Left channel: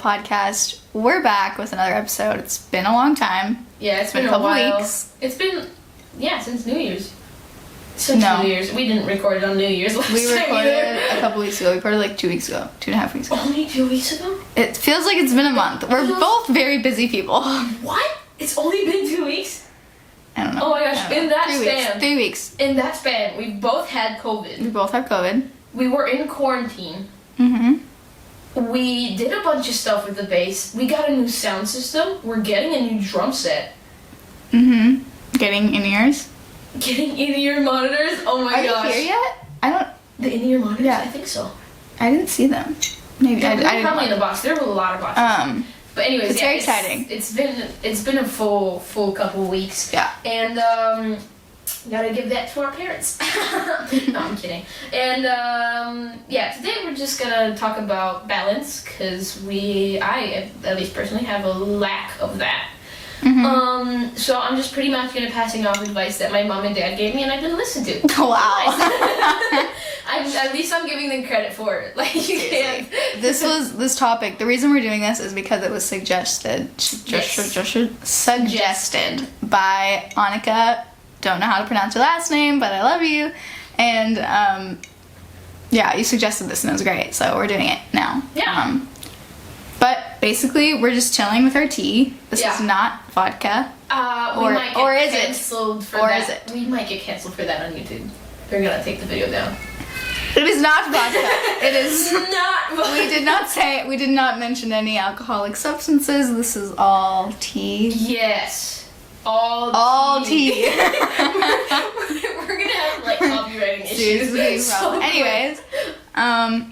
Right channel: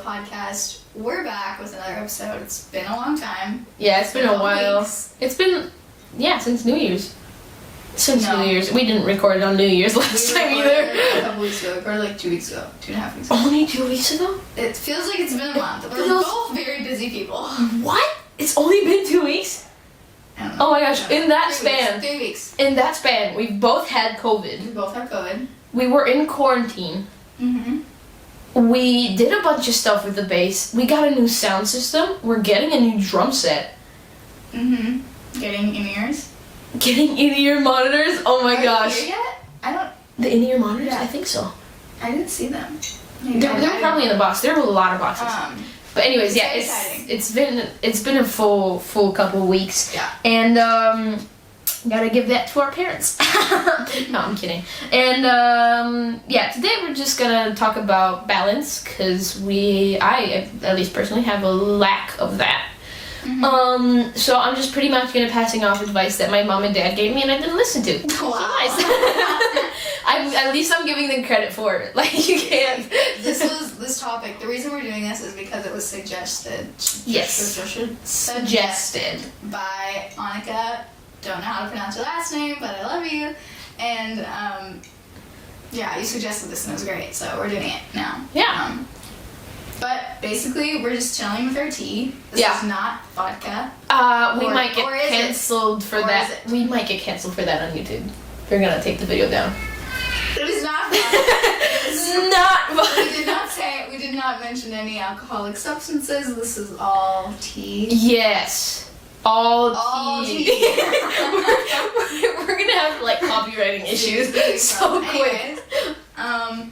podcast. We're back with another episode. It's been a long time. Yeah, it's been a while. Weeks. It's been, since New Year's. New Year's. We didn't record it on New Year's last time either. A couple weeks ago. We recorded like 2 weeks ago. 2.5 weeks ago. Only 2 weeks ago? It feels like it's been a month. We're both very busy people. What? It's only been 2 weeks? I don't know. Oh my gosh, in that 3 weeks. In that span, we've both had COVID. We both have COVID. We were in quarantine. Mm-hmm. We did a bunch of stuff with the bass. We got a new sound system. We're getting a new drum set. Mm-hmm. Getting in-ears. Getting in-ear monitors. Oh my gosh. Are you here yet? I don't. The in-ear monitors? Yeah. I think so. I didn't see them. Maybe Yeah, they're probably in the box. There were a lot of boxes. But anyways, it's very exciting. It's been a full couple of weeks. Yeah. And gotta give that to our parents. No, I'm kidding. And today we're just gonna talk about balance because I at least personally have a lack of that. Mm-hmm. So I'm just pretty much gonna passing off advice that my mom and dad gave me and I didn't listen to. Wow. At least I'm giving them credit for it. Like you can't. This topic. The reason we're doing this is because it was suggested by Annika. Don't know how to pronounce her last name, but I love you. And you suggested this and it was great, so we're doing it now. Yeah. But basically, we're just chilling with our tea. This is not vodka. We might get canceled for that. Is it? We might get canceled for that on YouTube. They're gonna take the video down. It is not vodka. It is not vodka. We did not mention any alcoholic substances. This is all tea. Yes. All tea. we're gonna have like copywriting issues. So anyways,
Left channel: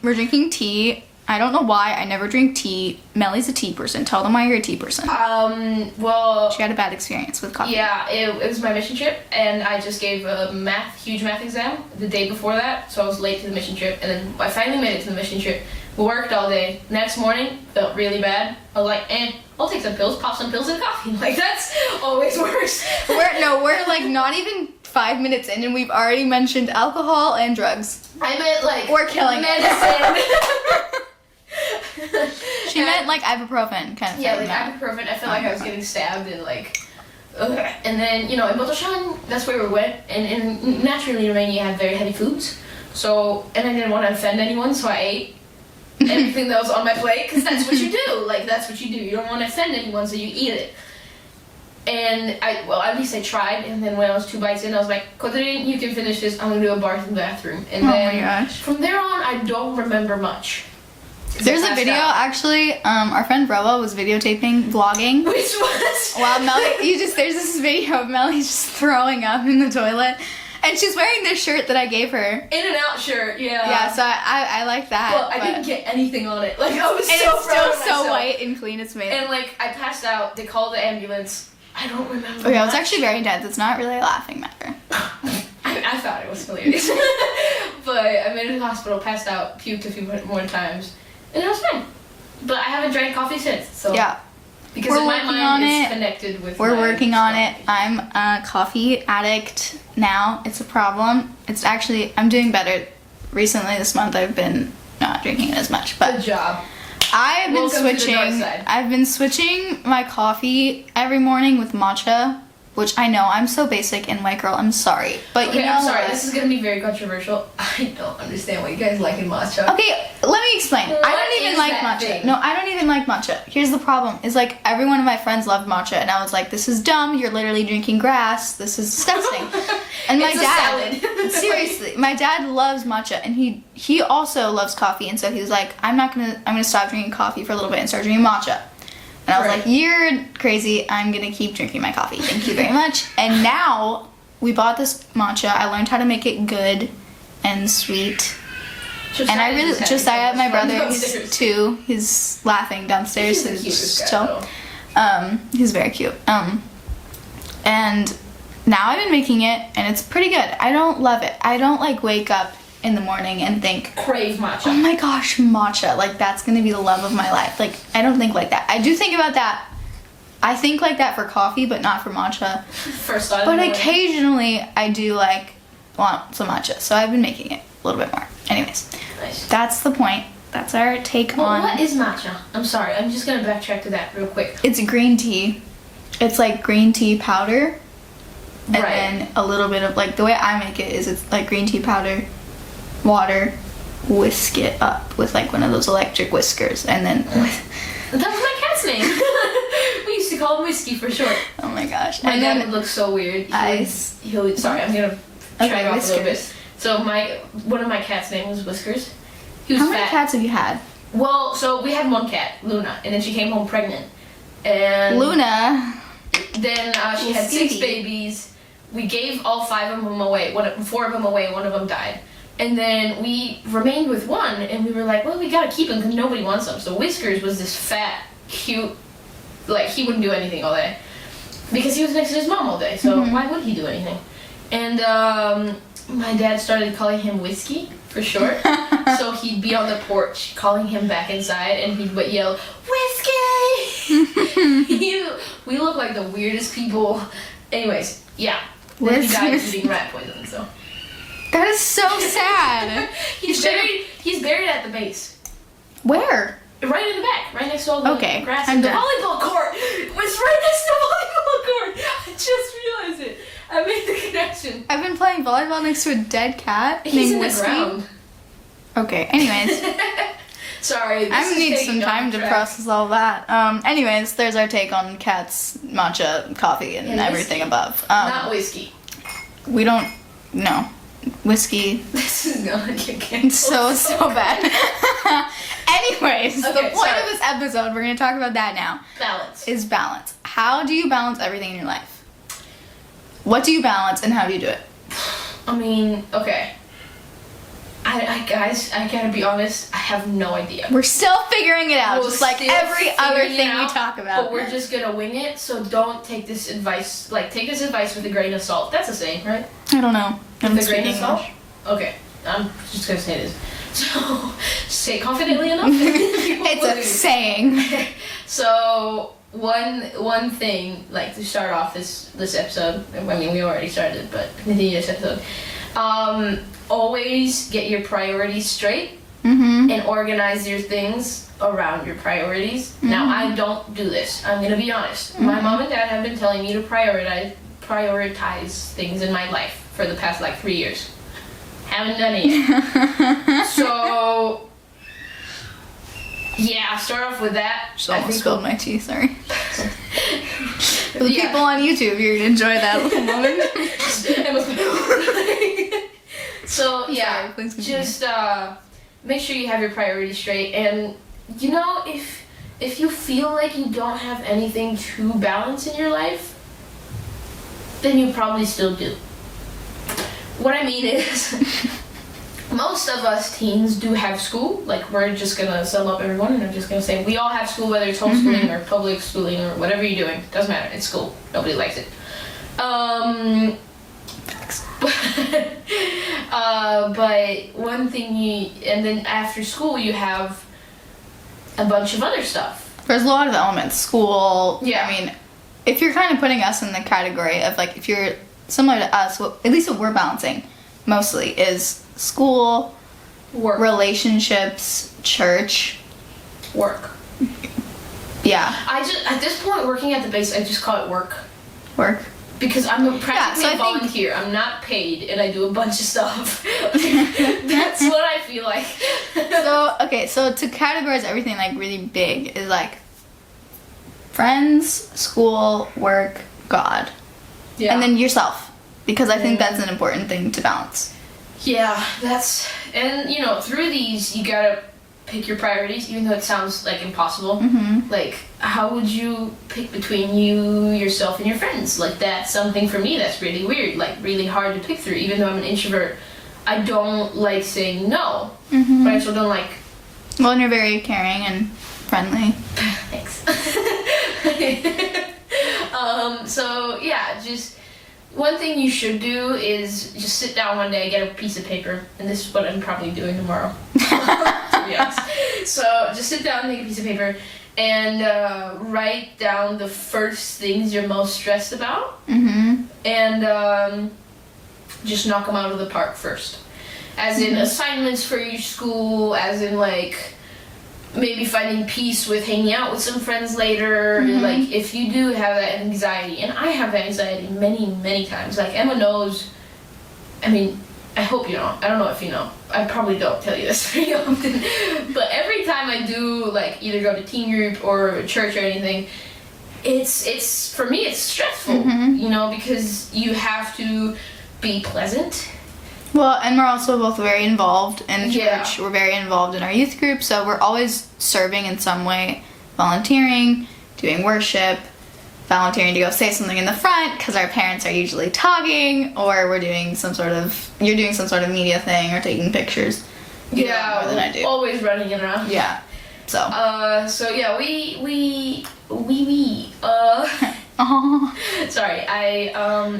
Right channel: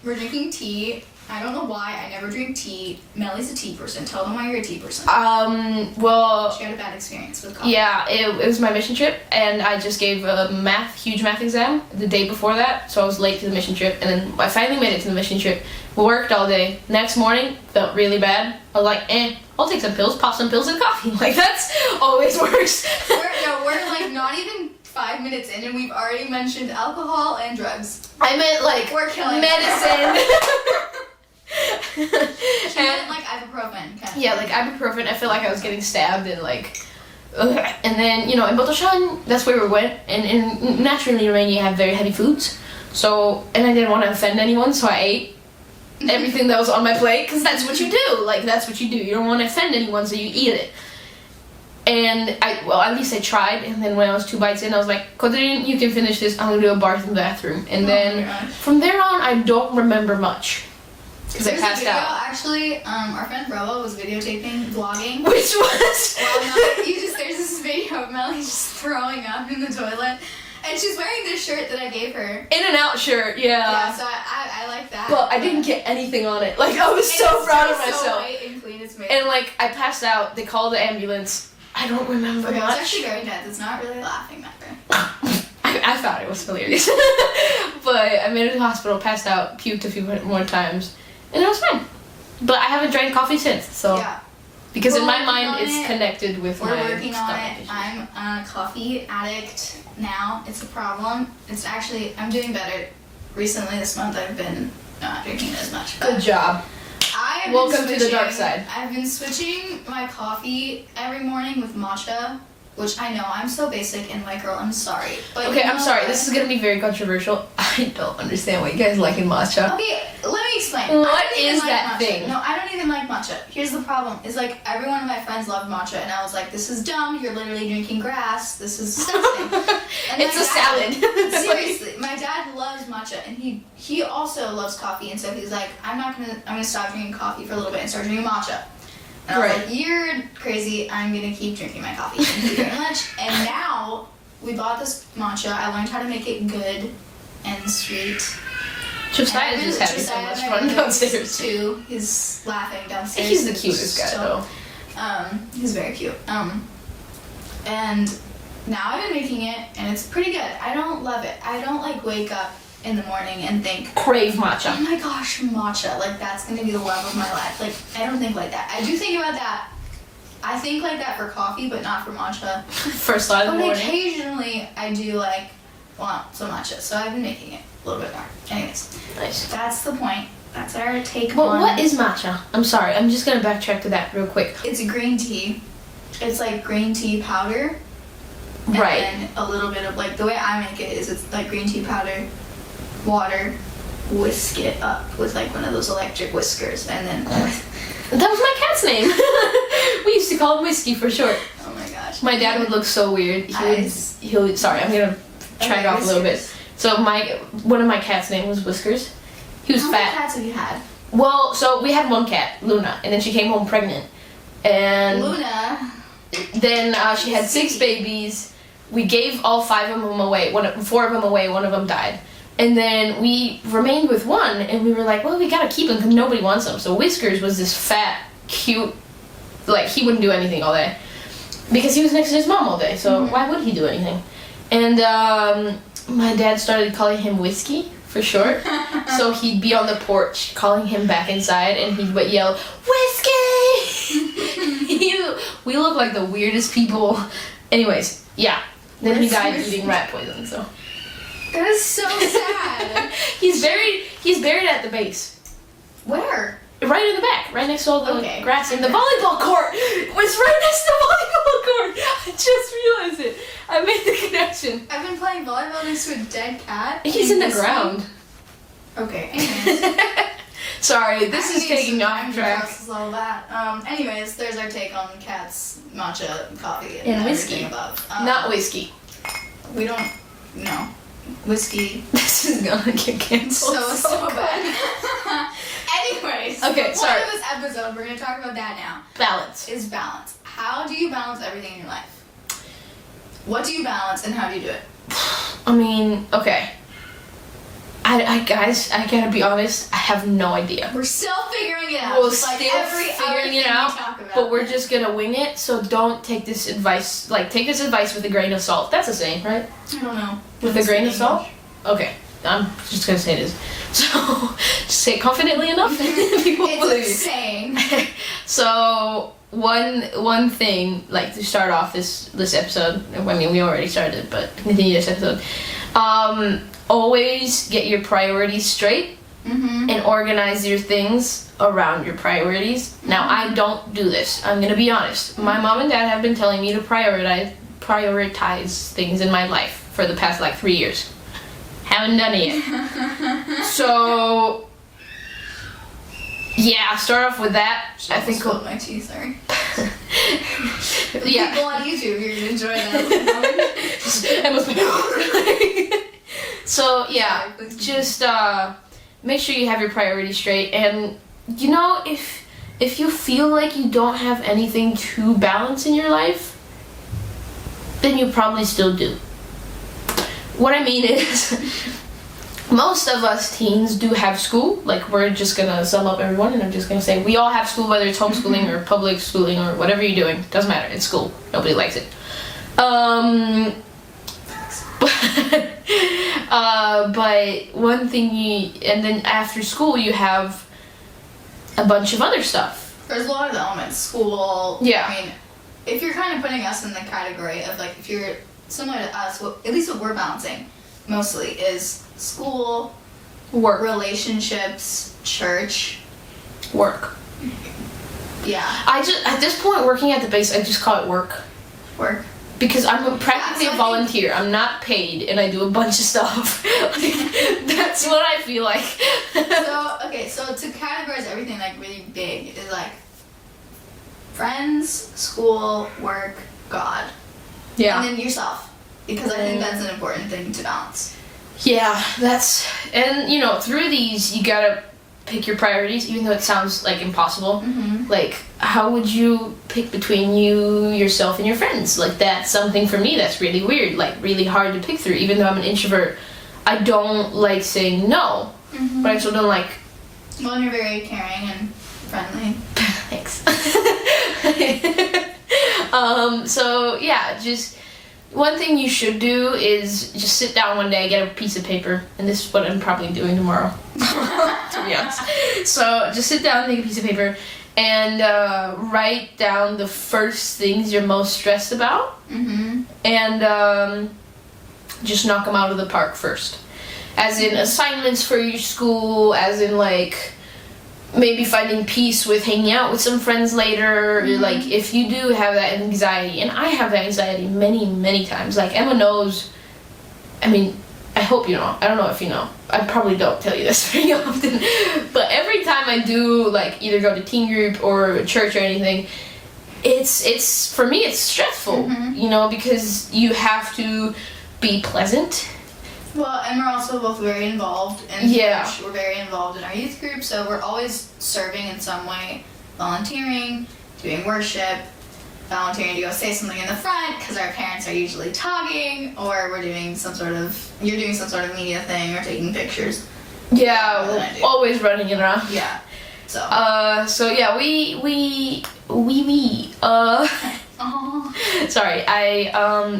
we're drinking tea. I don't know why I never drink tea. Melly's a tea person. Tell them why you're a tea person. Well, she had a bad experience with coffee. Yeah, it was my mission trip, and I just gave a huge math exam the day before that, so I was late to the mission trip, and then I finally made it to the mission trip. We worked all day. Next morning, felt really bad. I was like, I'll take some pills, pop some pills and coffee. Like, that's always works. We're like not even 5 minutes in, and we've already mentioned alcohol and drugs. I meant like we're killing medicine. She meant like ibuprofen kind of. Yeah, like ibuprofen. I feel like I was getting stabbed and like. And then in Botoshan, that's where we went. And naturally in Romania you have very heavy foods. So and I didn't want to offend anyone, so I ate everything that was on my plate because that's what you do. Like that's what you do. You don't want to offend anyone, so you eat it. And at least I tried. And then when I was 2 bites in, I was like, Kodrin, you can finish this. I'm gonna do a bathroom. And then from there on, I don't remember much. There's a video, actually, our friend Brella was videotaping, vlogging. Which was? While Melly, there's this video of Melly just throwing up in the toilet. And she's wearing this shirt that I gave her. In and out shirt, yeah. Yeah, so I like that. But I didn't get anything on it. Like, I was so proud of myself. So white and clean it's made. And, like, I passed out. They called the ambulance. I don't remember Okay, much. It was actually very intense. It's not really a laughing matter. I thought it was hilarious. But I made it to the hospital, passed out, puked a few more times. And it was fine. But I haven't drank coffee since, so. Yeah. Because in my mind, it's connected with We're working on it. I'm a coffee addict now. It's a problem. I'm doing better. Recently, this month, I've been not drinking as much. But good job. Welcome to the dark side. I've been switching my coffee every morning with matcha. Which I know, I'm so basic and white girl, I'm sorry. But okay, I'm sorry, this is gonna be very controversial. I don't understand what you guys like in matcha. Okay, let me explain. What I don't even is like that matcha. thing? No, I don't even like matcha. Here's the problem. It's like every one of my friends love matcha and I was like, this is dumb, you're literally drinking grass, this is disgusting. And it's a salad. Seriously, my dad loves matcha and he also loves coffee and so he was like, I'm gonna stop drinking coffee for a little bit and start drinking matcha. And I was like, you're crazy, I'm gonna keep drinking my coffee. Thank you very much. And now, we bought this matcha, I learned how to make it good and sweet. Josiah, my brother, too, he's laughing downstairs. He's the cutest guy, though. He's very cute. And now I've been making it, and it's pretty good. I don't love it. I don't, wake up in the morning and think, crave matcha. Oh my gosh, matcha. That's gonna be the love of my life. I don't think like that. I do think about that. I think like that for coffee, but not for matcha. First thought. But occasionally I do want some matcha. So I've been making it a little bit more. Anyways. Nice. That's the point. that's our take Well, on. what is matcha? I'm sorry. I'm just gonna backtrack to that real quick. It's green tea. It's like green tea powder. And Right. then a little bit of, like, the way I make it is it's like green tea powder, water, whisk it up with like one of those electric whiskers, and then That was my cat's name. We used to call him Whiskey for short. oh my gosh. My And dad then would look so weird. Ice. He would, sorry, I'm gonna track Okay, off a little bit. Whiskers. So one of my cat's name was Whiskers. He was How many fat. cats have you had? Well, so we had one cat, Luna, and then she came home pregnant. And Luna. then she had 6 Sweetie. babies. We gave all 5 of them away. 4 of them away. One of them died. And then we remained with one, and we were like, well, we gotta keep him because nobody wants him. So Whiskers was this fat, cute, like he wouldn't do anything all day because he was next to his mom all day. So why would he do anything? And my dad started calling him Whiskey for short. So he'd be on the porch calling him back inside, and he would yell, Whiskey! We look like the weirdest people. Anyways, yeah. Then he died eating rat poison, so. That is so sad. He's buried at the base. Where? Right in the back, right next to all the Okay, grass. I'm And the done. volleyball court was right next to the volleyball court. I just realized it. I made the connection. I've been playing volleyball next to a dead cat. He's in named the Whiskey. ground. Okay, anyways. Sorry, I this is need some taking time off to track. process all that. Anyways, there's our take on cats, matcha, coffee, and And everything whiskey. above. Not whiskey. We don't. No. Whiskey. This is gonna get canceled. So bad. Anyways, Okay, the point sorry. of this episode, we're gonna talk about that now, Balance. is balance. How do you balance everything in your life? What do you balance and how do you do it? I mean, okay. Guys, I gotta be honest, I have no idea. We're still figuring it out, just like still every other figuring it thing we out, talk about. But we're just gonna wing it, so don't take this advice, take this advice with a grain of salt. That's a saying, right? I don't know. With a grain of salt? Okay, I'm just gonna say it is. So, say it confidently enough. People It's believe a you. saying. So, one thing, to start off this episode, I mean, we already started, but continue this episode. Always get your priorities straight. Mm-hmm. And organize your things around your priorities. Now, I don't do this. I'm gonna be honest. My mom and dad have been telling me to prioritize things in my life for the past 3 years. Haven't done it yet. So, yeah, I'll start off with that. I think spilled my tea, sorry. The Yeah. people on YouTube, you're gonna enjoy that little moment. So yeah, Sorry, please continue. just make sure you have your priorities straight, and if you feel like you don't have anything to balance in your life, then you probably still do. What I mean is, most of us teens do have school. We're just gonna sum up everyone, and I'm just gonna say we all have school, whether it's homeschooling or public schooling or whatever you're doing. Doesn't matter. It's school. Nobody likes it. But one thing and then after school you have a bunch of other stuff. There's a lot of elements. School. Yeah. I mean, if you're kind of putting us in the category of if you're similar to us, at least what we're balancing mostly is school, Work. relationships, church. Work. Yeah. At this point, working at the base, I just call it work. Work. Because I'm practically so I a think- volunteer. I'm not paid, and I do a bunch of stuff. That's what I feel like. So to categorize everything really big is friends, school, work, God. Yeah. And then yourself. Because I think that's an important thing to balance. Yeah, and through these, you gotta pick your priorities, even though it sounds impossible. Mm-hmm. How would you pick between you, yourself, and your friends? That's something for me that's really weird, really hard to pick through. Even though I'm an introvert, I don't like saying no, Mm-hmm. but I also don't like. Well, and you're very caring and friendly. Thanks. So yeah, just. One thing you should do is just sit down one day, get a piece of paper, and this is what I'm probably doing tomorrow, to be honest. So just sit down, take a piece of paper, and write down the first things you're most stressed about, Mm-hmm. and just knock them out of the park first. As in assignments for your school, as in maybe finding peace with hanging out with some friends later. Like, if you do have that anxiety, and I have that anxiety many, many times. Like, Emma knows, I mean, I hope you know. I don't know if you know. I probably don't tell you this very often. But every time I do, like, either go to teen group or church or anything, it's for me, it's stressful, you know, because you have to be pleasant. Well, and we're also both very involved in Yeah. church. We're very involved in our youth group, so we're always serving in some way, volunteering, doing worship, volunteering to go say something in the front because our parents are usually talking, or you're doing some sort of media thing or taking pictures. Yeah, More than I do. always running around. Yeah. So. So yeah, we. Sorry,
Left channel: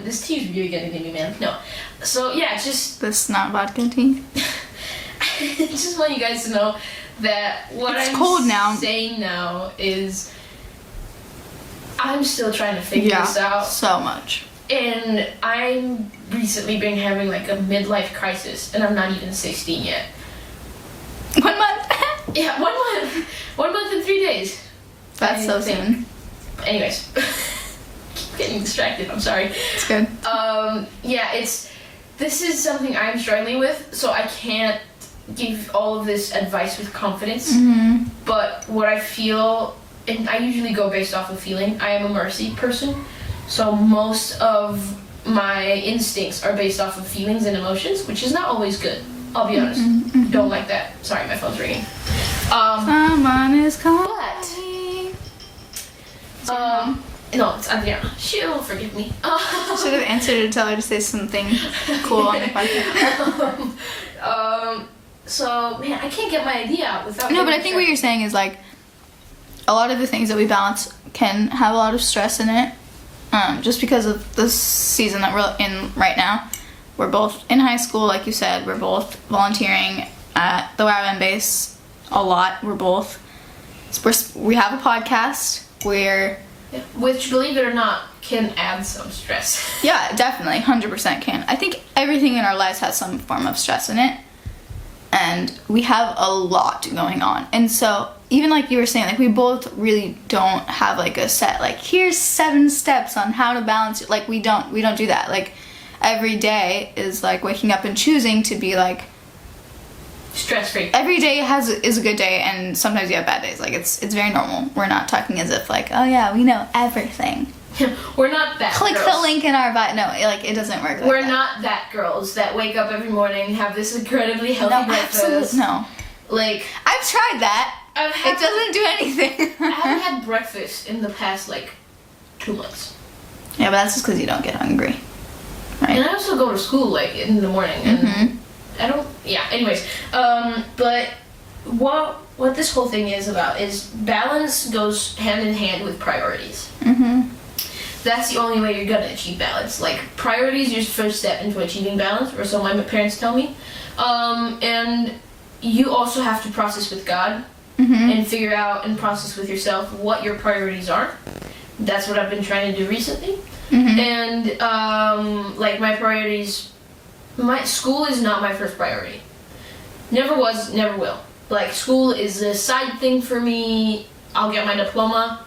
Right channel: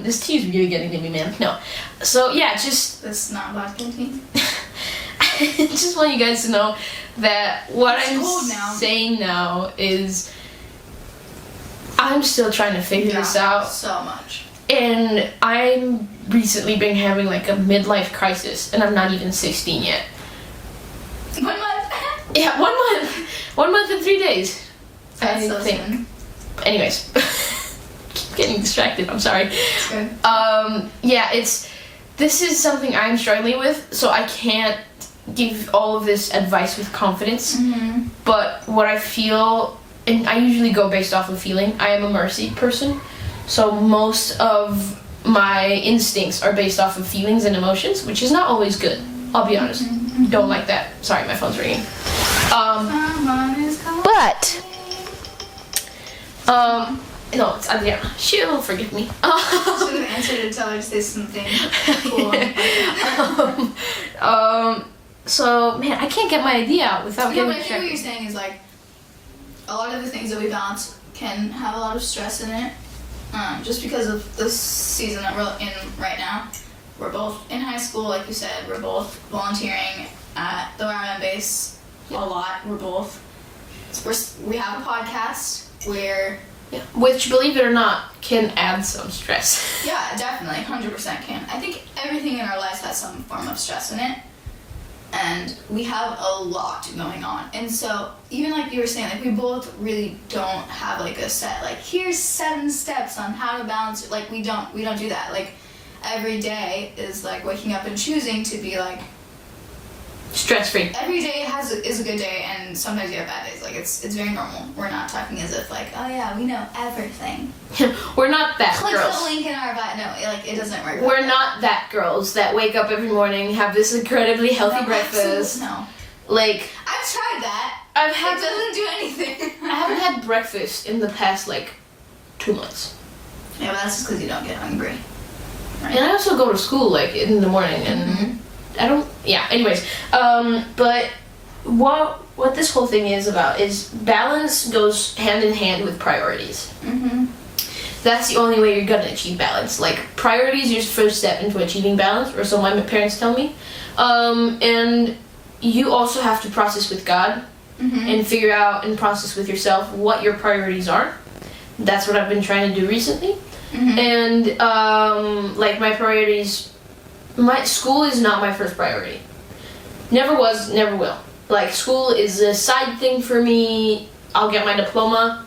this tea's really getting to me, man. No. So yeah, just This not vodka tea. just want you guys to know that what It's I'm cold now. saying now is I'm still trying to figure this out. So much. And I'm recently been having like a midlife crisis, and I'm not even 16 yet. 1 month. Yeah, 1 month. 1 month and 3 days. That's so think. soon. Anyways, keep getting distracted. I'm sorry. It's good. Yeah, this is something I'm struggling with, so I can't give all of this advice with confidence. But what I feel, and I usually go based off of feeling. I am a mercy person, so most of my instincts are based off of feelings and emotions, which is not always good. I'll be honest. Don't like that. Sorry, my phone's ringing. Someone is calling. But no, it's Adriana. She'll forgive me. Should have answered to tell her to say something cool on the podcast. So man, I can't get my idea out without. No, but I think what you're saying is like a lot of the things that we balance can have a lot of stress in it. Just because of the season that we're in right now. We're both in high school, like you said. We're both volunteering at the YWAM base a lot. We have a podcast where, which, believe it or not, can add some stress. yeah, definitely, 100% can. I think everything in our lives has some form of stress in it, and we have a lot going on. And so, even like you were saying, like we both really don't have like a set, like here's 7 steps on how to balance it. Like we don't do that. Like every day is like waking up and choosing to be like stress free. Every day is a good day, and sometimes you have bad days. Like it's very normal. We're not talking as if like, oh yeah, we know everything. We're not that Click girls. the link in our bio. No, like it doesn't work. We're like not that girls that wake up every morning, have this incredibly healthy breakfast. No, like I've tried that. It doesn't do anything. I haven't had breakfast in the past like 2 months. Yeah, but that's just because you don't get hungry, right? And I also go to school like in the morning, and I don't. Yeah. Anyways, but what this whole thing is about is balance goes hand in hand with priorities. That's the only way you're gonna achieve balance. Like priorities, your first step into achieving balance, or so my parents tell me. And you also have to process with God and figure out and process with yourself what your priorities are. That's what I've been trying to do recently. And like my priorities, my school is not my first priority. Never was, never will. Like school is a side thing for me. I'll get my diploma.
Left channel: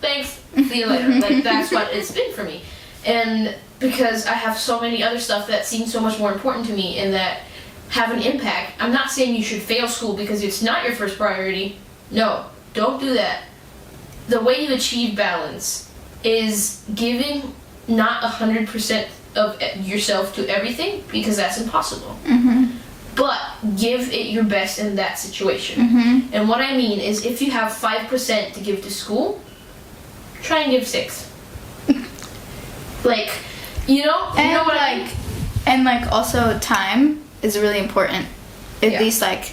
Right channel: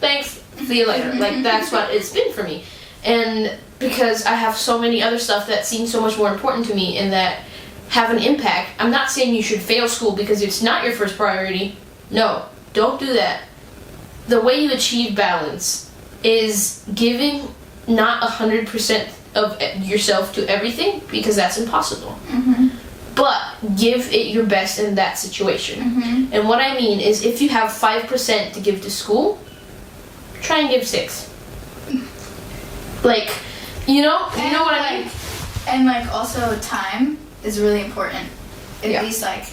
Thanks. See you later. Like that's what it's been for me. And because I have so many other stuff that seem so much more important to me and that have an impact. I'm not saying you should fail school because it's not your first priority. No, don't do that. The way you achieve balance is giving not 100% of yourself to everything, because that's impossible. But give it your best in that situation. And what I mean is, if you have 5% to give to school, try and give 6. Like, you know what I mean? And like also time is really important. At least like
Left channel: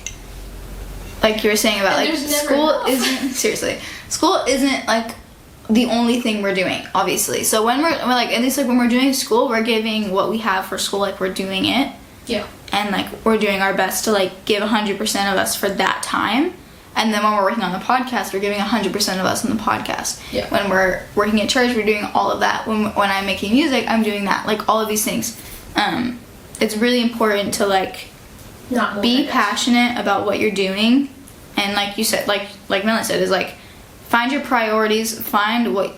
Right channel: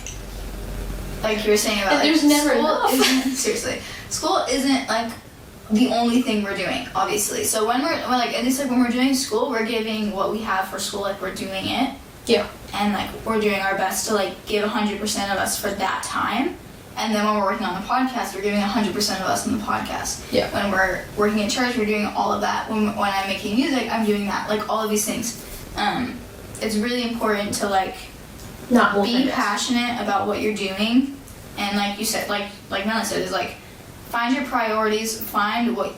you were saying about And like there's never school enough. isn't seriously. School isn't like the only thing we're doing, obviously. So when we're like, at least like when we're doing school, we're giving what we have for school, like we're doing it. Yeah. And like we're doing our best to like give 100% of us for that time. And then when we're working on the podcast, we're giving 100% of us on the podcast. Yeah. When we're working at church, we're doing all of that. When I'm making music, I'm doing that. Like all of these things. It's really important to like Not be passionate about what you're doing And like you said, like Melanie said, is like, find your priorities, find what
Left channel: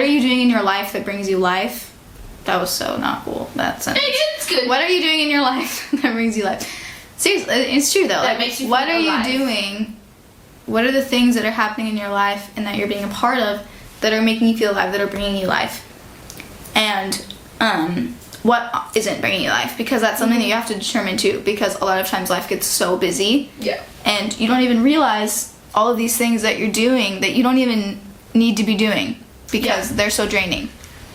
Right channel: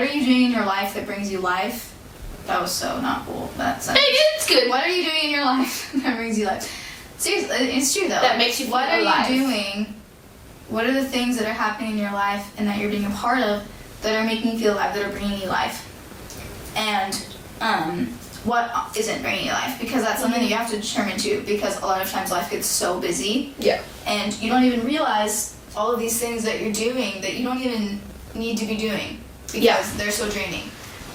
are you doing in your life that brings you life? That was so not cool, that sentence. It's good. What are you doing in your life that brings you life? Seriously, it's true though. That makes you feel What are alive. you doing? What are the things that are happening in your life and that you're being a part of that are making you feel alive, that are bringing you life? And what isn't bringing you life? Because that's something that you have to determine too, because a lot of times life gets so busy. Yeah. And you don't even realize all of these things that you're doing that you don't even need to be doing because they're so draining.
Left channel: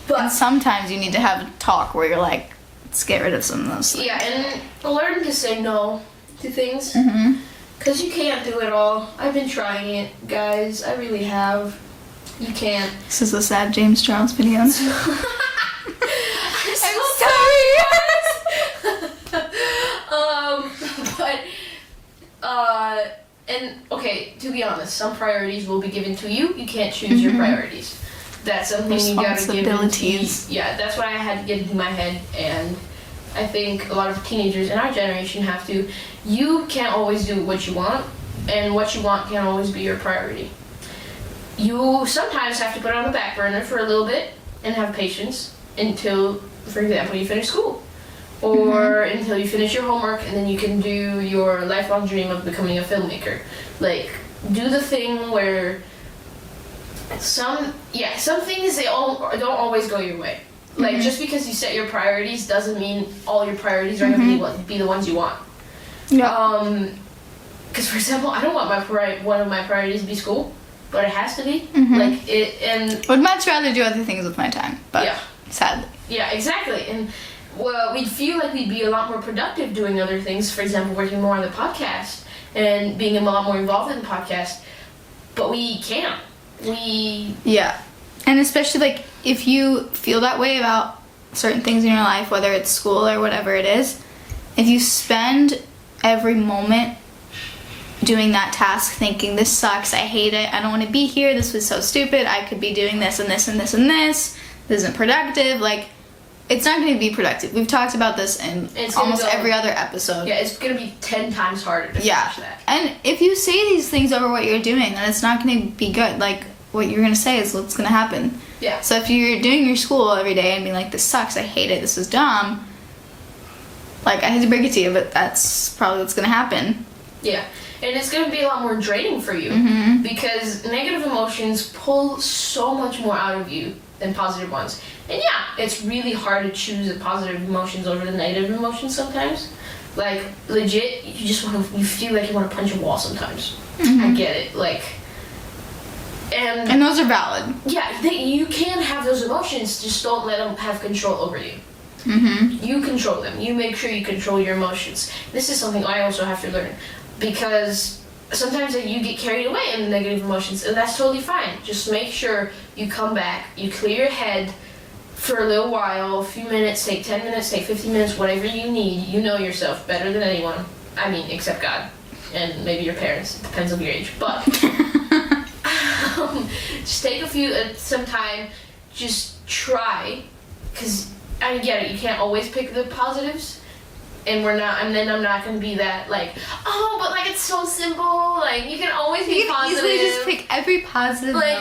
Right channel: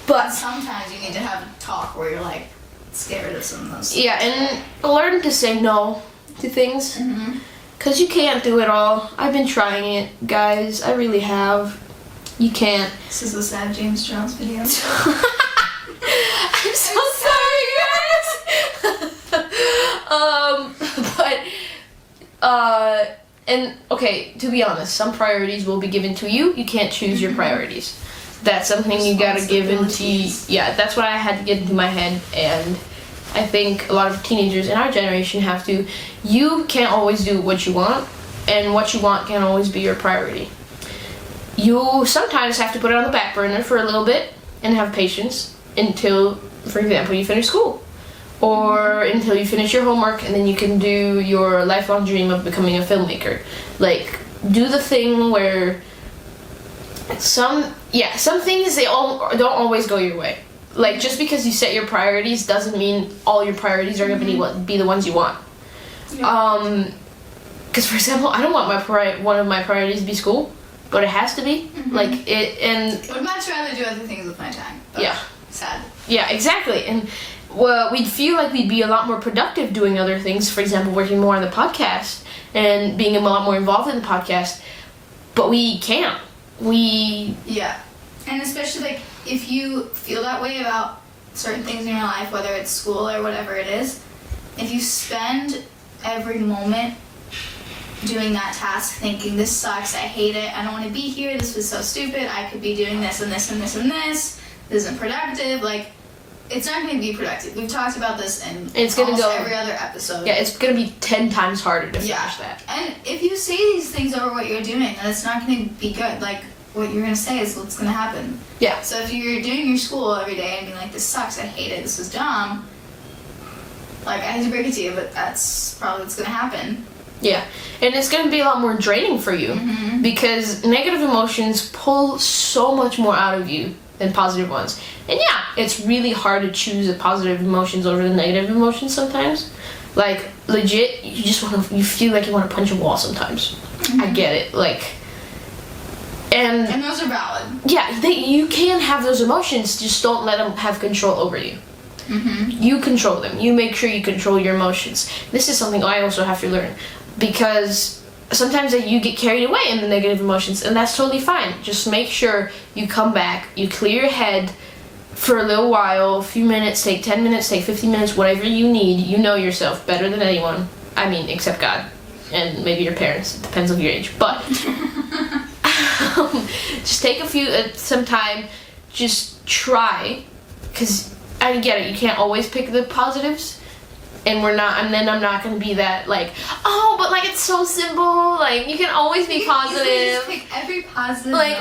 But sometimes you need to have a talk where you're like, let's get rid of some of those. Yeah, and learn to say no to things. Mm-hmm. Because you can't do it all. I've been trying it, guys. I really have. You can't. This is a sad James Charles video. I'm so sorry, guys. And okay, to be honest, some priorities will be given to you. You can't choose your priorities. That's something you gotta give into. Yeah, that's what I had to get into my head, and I think a lot of teenagers in our generation have to. You can't always do what you want, and what you want can't always be your priority. You sometimes have to put it on the back burner for a little bit and have patience until, for example, you finish school. Or until you finish your homework, and then you can do your lifelong dream of becoming a filmmaker. Like, do the thing where some things don't always go your way. Like, just because you set your priorities doesn't mean all your priorities are going to be the ones you want. Yeah. Because for example, I don't want one of my priorities to be school, but it has to be. Like it, and would much rather do other things with my time. But yeah, sad. Yeah, exactly. And well, we'd feel like we'd be a lot more productive doing other things. For example, working more on the podcast and being a lot more involved in the podcast, but we can't. Yeah, and especially like if you feel that way about certain things in your life, whether it's school or whatever it is, if you spend every moment doing that task thinking, this sucks, I hate it, I don't want to be here, this was so stupid, I could be doing this and this and this and this isn't productive, like, it's not going to be productive. We've talked about this in almost every other episode. Yeah, it's going to be 10 times harder to finish that. And if you say these things over what you're doing, then it's not going to be good. Like, what you're going to say is what's going to happen. Yeah. So if you're doing your school every day and being like, this sucks, I hate it, this is dumb, like, I hate to break it to you, but that's probably what's going to happen. Yeah. And it's going to be a lot more draining for you because negative emotions pull so much more out of you than positive ones. And yeah, it's really hard to choose the positive emotions over the negative emotions sometimes. Like, legit, you feel like you want to punch a wall sometimes. I get it. Like, and those are valid. Yeah, you can have those emotions, just don't let them have control over you. You control them. You make sure you control your emotions. This is something I also have to learn because sometimes you get carried away in the negative emotions, and that's totally fine. Just make sure you come back, you clear your head for a little while, a few minutes, take 10 minutes, take 15 minutes, whatever you need. You know yourself better than anyone. I mean, except God. And maybe your parents. It depends on your age. But just take some time, just try. Because I get it, you can't always pick the positives. And then I'm not gonna be that like, oh, but like it's so simple. Like you can always be positive. You just pick every positive. Like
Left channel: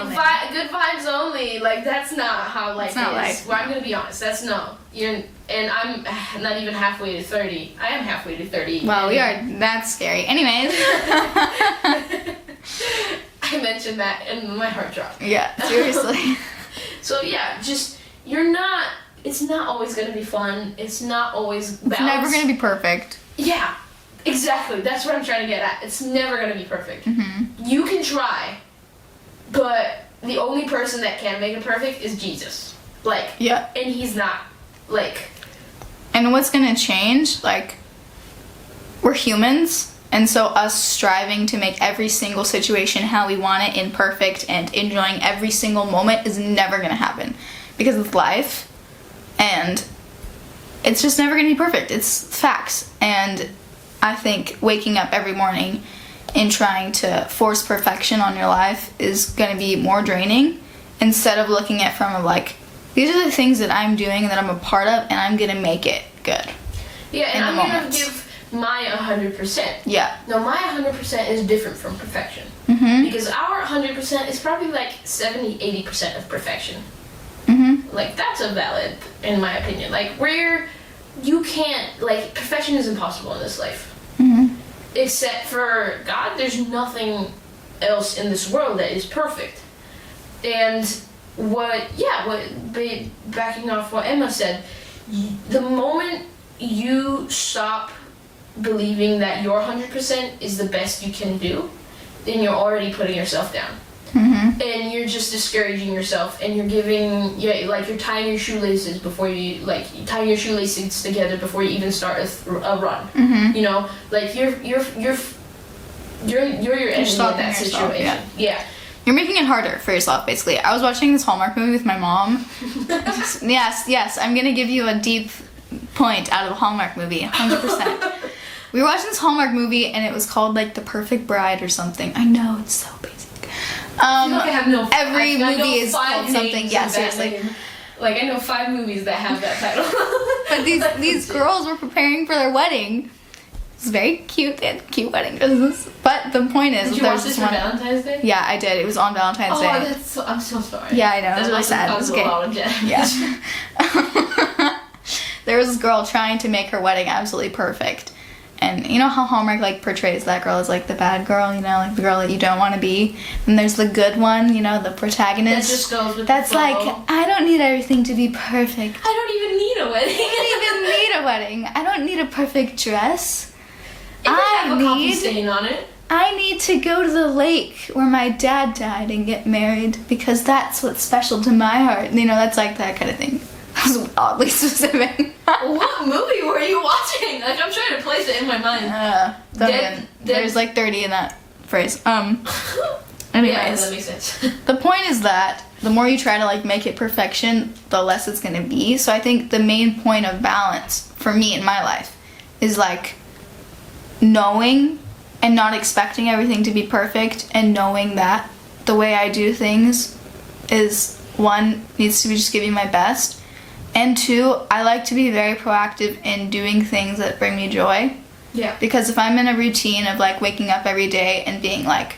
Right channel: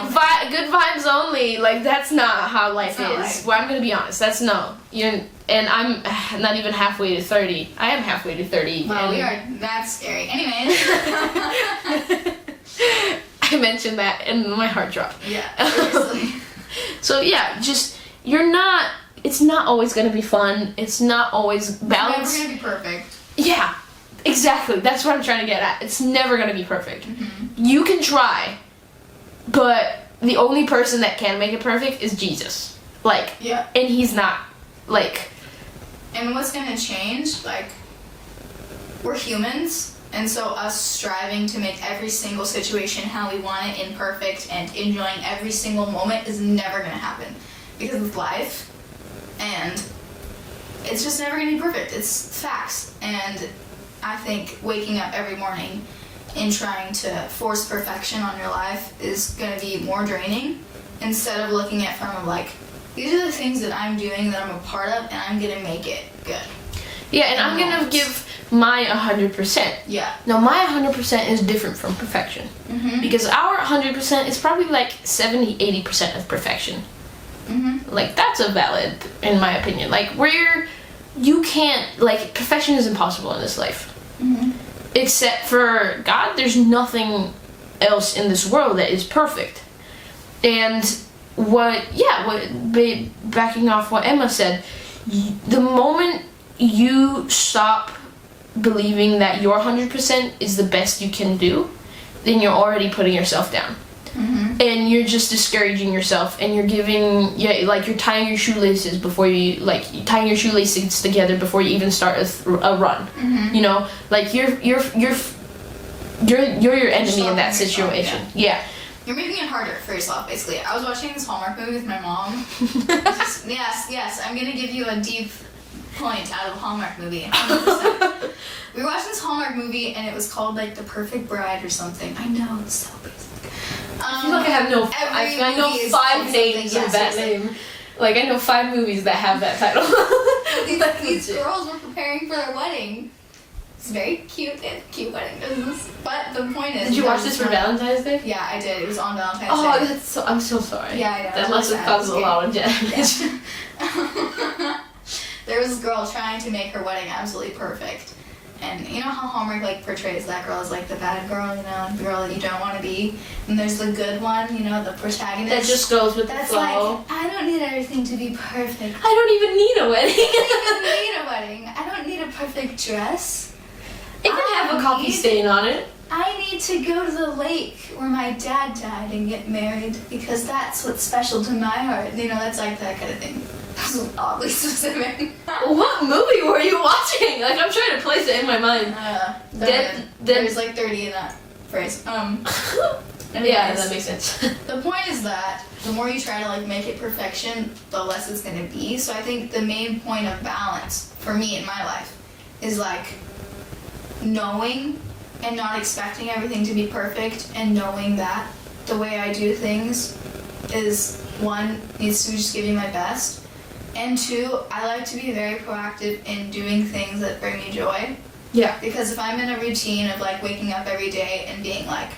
good vibes only. Like that's not how life is. Well, I'm gonna be honest. That's no. And I'm not even halfway to 30. I am halfway to 30. Well, we are. That's scary. Anyways. I mentioned that and my heart dropped. Yeah. Seriously. So yeah, just it's not always going to be fun. It's not always balanced. It's never going to be perfect. Yeah, exactly. That's what I'm trying to get at. It's never going to be perfect. You can try, but the only person that can make it perfect is Jesus. Like, yeah. And he's not, like... And what's going to change, like, we're humans, and so us striving to make every single situation how we want it, imperfect, and enjoying every single moment is never going to happen. Because it's life. And it's just never going to be perfect. It's facts. And I think waking up every morning and trying to force perfection on your life is going to be more draining instead of looking at from like, these are the things that I'm doing that I'm a part of and I'm going to make it good. Yeah, and I'm going to give my 100%. Yeah. Now my 100% is different from perfection. Mm-hmm. Because our 100% is probably like 70-80% of perfection. Mm-hmm. Like, that's a valid, in my opinion. Like, where you can't, like, perfection is impossible in this life. Mm-hmm. Except for God, there's nothing else in this world that is perfect. And backing off what Emma said, the moment you stop believing that your 100% is the best you can do, then you're already putting yourself down. Mm-hmm. And you're just discouraging yourself, and you're you're tying your shoelaces before you, like, tying your shoelaces together before you even start a run. Mm-hmm. You know, like, you're your enemy in stopping that yourself, situation. Yeah. You're making it harder for yourself, basically. I was watching this Hallmark movie with my mom. Yes, I'm gonna give you a deep point out of a Hallmark movie, 100%. We were watching this Hallmark movie, and it was called, like, The Perfect Bride or something. I know, it's so basic. I feel like I have no. Every I know movie is 5 called names something. Yeah, of that seriously. name. Like, I know 5 movies that have that title. But these girls were preparing for their wedding. It's very cute. They had cute wedding dresses. But the point is, Did you watch this for Valentine's Day? Yeah, I did. It was on Valentine's Day. Oh, that's so. I'm so sorry. Yeah, I know. That It must was have sad. caused a lot of damage. Yeah. There was this girl trying to make her wedding absolutely perfect. And you know how Hallmark, like, portrays that girl as, like, the bad girl, you know, like the girl that you don't want to be. And there's the good one, you know, the protagonist. That just goes with That's the flow. like, I don't need everything to be perfect. I don't even need a wedding. I don't even need a wedding. I don't need a perfect dress. It can have a coffee stain on it. I need to go to the lake where my dad died and get married because that's what's special to my heart. You know, that's like that kind of thing. That was oddly specific. What movie were you watching? Like, I'm trying to place it in my mind. There's like 30 in that phrase. Anyways, Yeah, that makes sense. the point is that the more you try to, like, make it perfection, the less it's gonna be. So I think the main point of balance for me in my life is, like, knowing and not expecting everything to be perfect, and knowing that the way I do things is, 1, needs to be just giving my best, and 2, I like to be very proactive in doing things that bring me joy. Yeah. Because if I'm in a routine of, like, waking up every day and being like,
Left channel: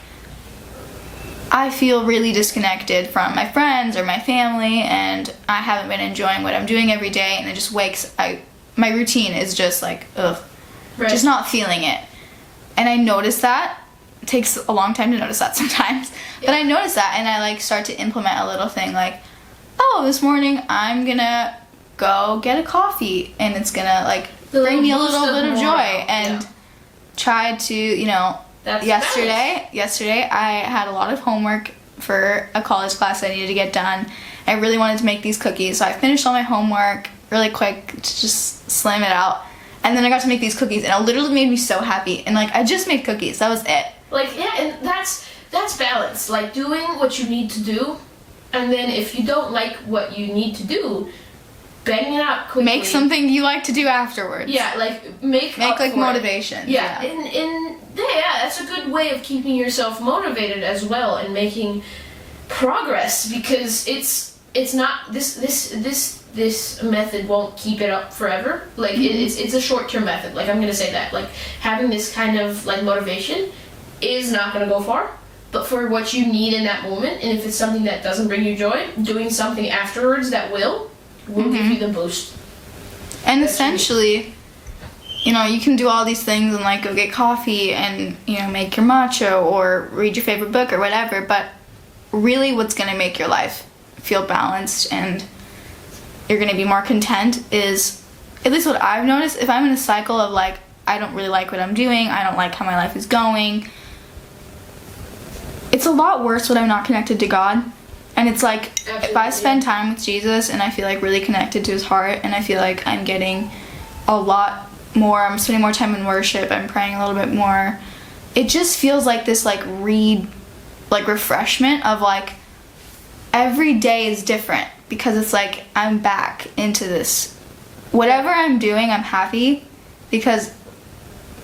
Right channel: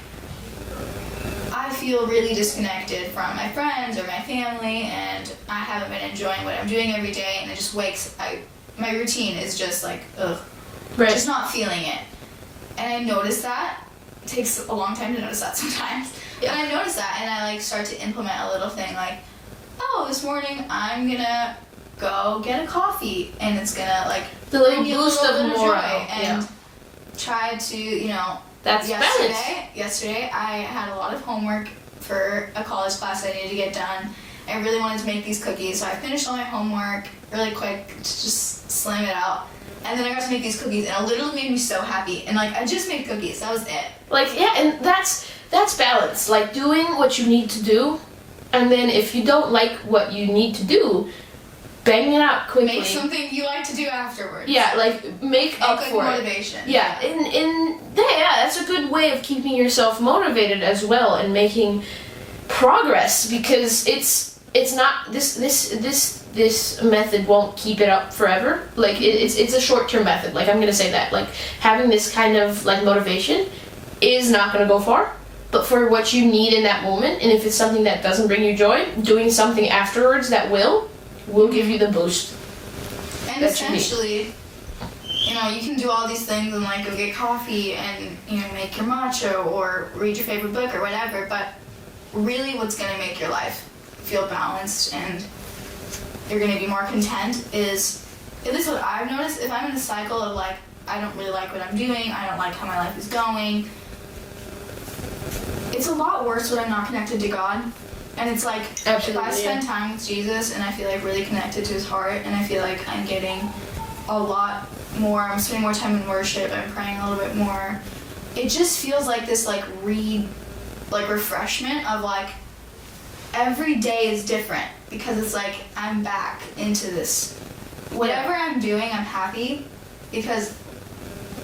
I feel really disconnected from my friends or my family, and I haven't been enjoying what I'm doing every day, and it just my routine is just like, ugh. Right. Just not feeling it. And I notice that. It takes a long time to notice that sometimes. Yeah. But I notice that, and I, like, start to implement a little thing like, oh, this morning I'm gonna go get a coffee, and it's gonna, like, bring me a little bit of joy. And try to, you know, That's yesterday I had a lot of homework for a college class I needed to get done. I really wanted to make these cookies, so I finished all my homework really quick to just slam it out. And then I got to make these cookies, and it literally made me so happy. And, like, I just made cookies. That was it. Like, yeah, and that's balance. Like, doing what you need to do, and then if you don't like what you need to do, bang it out quickly. Make something you like to do afterwards. Yeah, like, make up like, for motivation. it. Yeah, that's a good way of keeping yourself motivated as well, and making progress, because it's not this method won't keep it up forever. Like, it's a short-term method. Like, I'm gonna say that. Like, having this kind of, like, motivation is not gonna go far. But for what you need in that moment, and if it's something that doesn't bring you joy, doing something afterwards that will give you the boost. And essentially, you know, you can do all these things and, like, go get coffee and, you know, make your matcha or read your favorite book or whatever, but really what's going to make your life feel balanced and you're going to be more content is, at least what I've noticed, if I'm in a cycle of, like, I don't really like what I'm doing, I don't like how my life is going, it's a lot worse when I'm not connected to God. And it's like, Absolutely. If I spend time with Jesus and I feel, like, really connected to his heart, and I feel like I'm getting a lot more, I'm spending more time in worship, I'm praying a little bit more, it just feels like this, like, refreshment of, like, every day is different, because it's like I'm back into this. Whatever I'm doing, I'm happy, because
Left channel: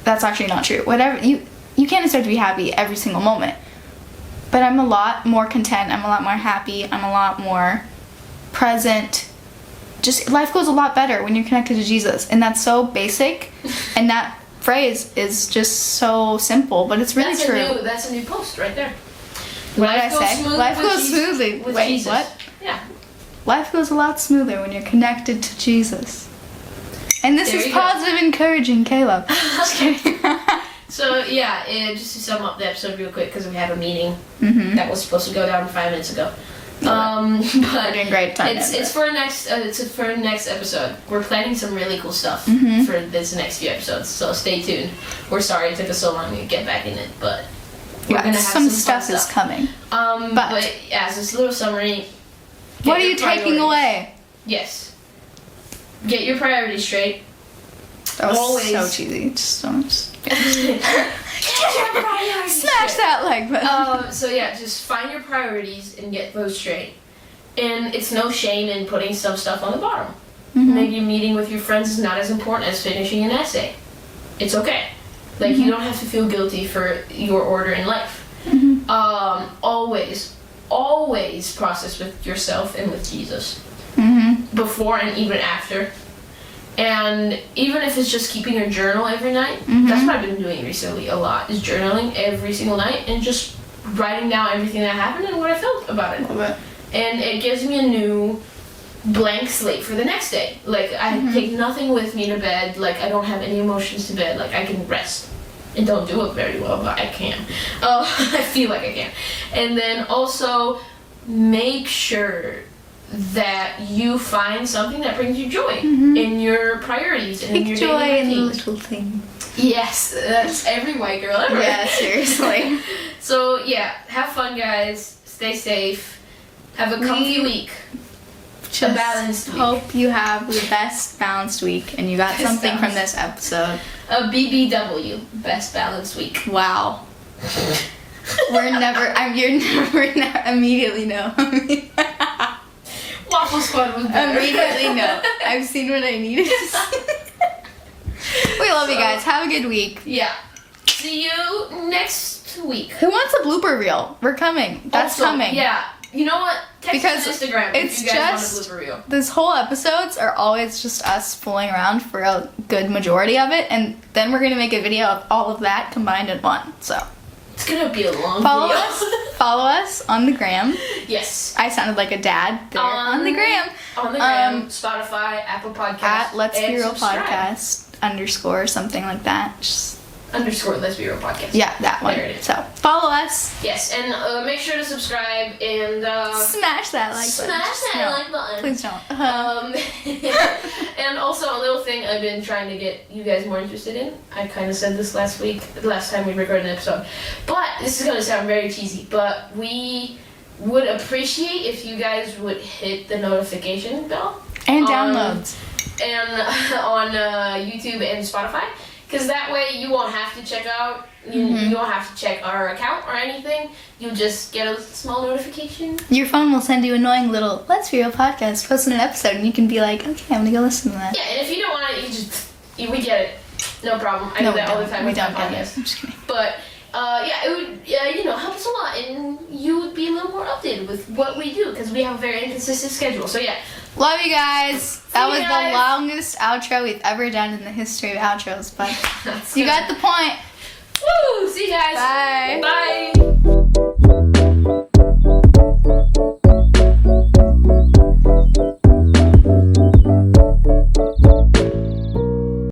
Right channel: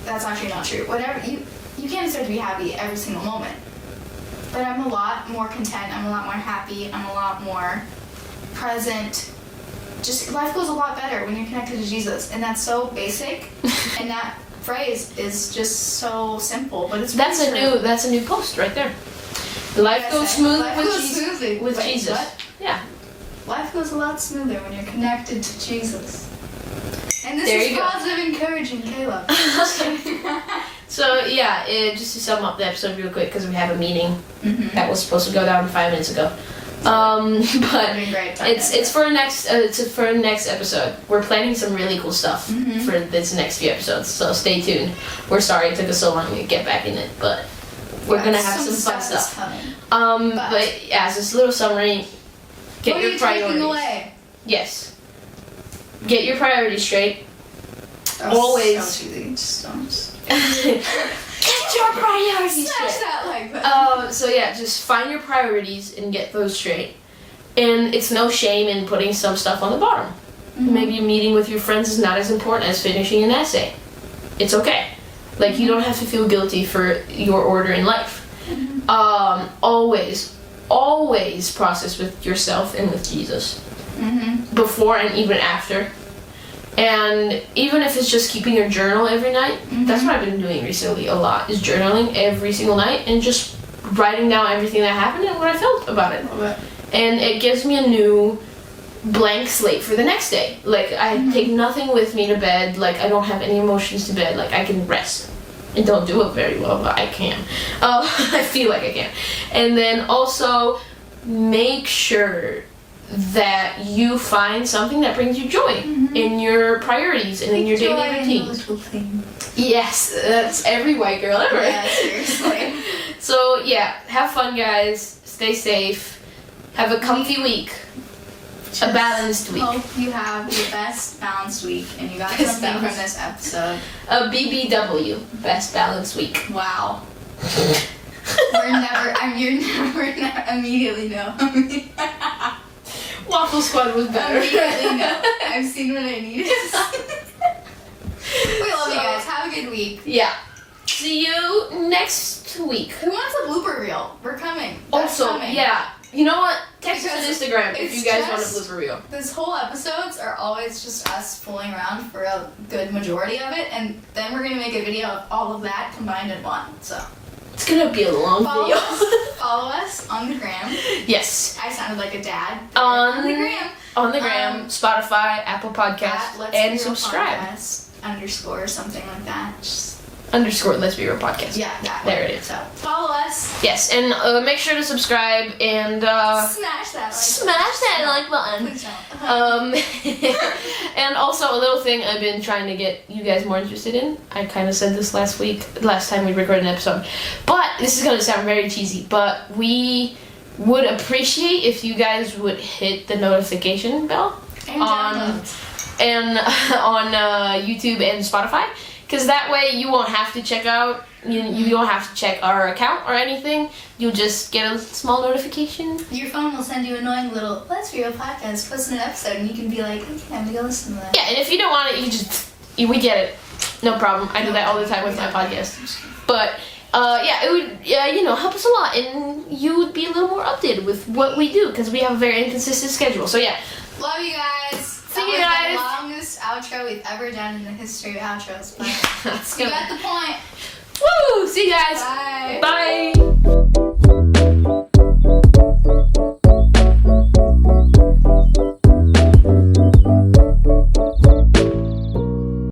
that's actually not true. Whatever, you can't expect to be happy every single moment. But I'm a lot more content, I'm a lot more happy, I'm a lot more present. Just, life goes a lot better when you're connected to Jesus. And that's so basic, and that phrase is just so simple, but it's really true. That's a new post right there. What Life did I goes say? smooth Life with goes Jesus. smoothly With Wait, Jesus. What? Yeah. Life goes a lot smoother when you're connected to Jesus. And this There is you go. positive, encouraging Caleb. Okay. So yeah, just to sum up the episode real quick, because we have a meeting Mm-hmm. that was supposed to go down 5 minutes ago. But Doing great time. it's for next next episode. We're planning some really cool stuff Mhm. for this next few episodes, so stay tuned. We're sorry it took us so long to get back in it, but we're gonna have some fun stuff is stuff. coming. But yeah, so this little summary. Get What are your you taking priorities. away? Yes. Get your priorities straight. That was Always. so cheesy. Just don't. Get your priorities Smash straight. that like button. So yeah, just find your priorities and get those straight. And it's no shame in putting some stuff on the bottom. Mhm. Maybe meeting with your friends is not as important as finishing an essay. It's okay. Like you don't have to feel guilty for your order in life. Mhm. Always process with yourself and with Jesus. Mhm. Before and even after. And even if it's just keeping your journal every night, that's what I've been doing recently a lot, is journaling every single night and just writing down everything that happened and what I felt about it. Love it. And it gives me a new blank slate for the next day. Like I take nothing with me to bed, like I don't have any emotions to bed, like I can rest. I don't do it very well, but I can. I feel like I can. And then also make sure that you find something that brings you joy in your priorities and in your Joy daily in the routine. little thing. Yes, that's every white girl ever. Yeah, seriously. So yeah, have fun, guys. Stay safe. Have a comfy week. A balanced week. Hope you have the best balanced week and you got Best something from balanced. this episode. A BBW. Best balanced week. Wow. You're never immediately no. Waffle Squad was better. Immediately no. I've seen what I needed. We love you guys. Have a good week. Yeah. See you next week. Who wants a blooper reel? We're coming. That's Also, coming. yeah. You know what? Text us on Because Instagram if it's you guys just- want a blooper reel. This whole episodes are always just us fooling around for a good majority of it, and then we're gonna make a video of all of that combined in one. So It's gonna be a long follow video. us. Follow us on the gram. Yes. I sounded like a dad. There. On the gram. On the gram, Spotify, Apple Podcasts, At Let's and Be Real subscribe. Podcast _ something like that. Just, _ Let's Be Real Podcast. yeah, that one. There it is. So follow us. Yes, and make sure to subscribe and Smash that like smash that No, like button. Please don't. And also a little thing I've been trying to get you guys more interested in. I kind of said this last time we recorded an episode. But this is going to sound very cheesy, but we would appreciate if you guys would hit the notification bell. And downloads. And on YouTube and Spotify. Because that way you won't have to check out, you don't have to check our account or anything. You'll just get a small notification. Your phone will send you annoying little Let's Be Real Podcast, posting an episode, and you can be like, okay, I'm gonna go listen to that. Yeah, and if you don't want it, we get it. No problem. I do that all the time with my podcast. I'm just kidding. But yeah, it would help us a lot, and you would be a little more updated with what we do because we have a very inconsistent schedule. So yeah, Love you guys. That See was you guys. the longest outro we've ever done in the history of outros, but That's you good. got the point. Woo! See you guys. Bye. Bye.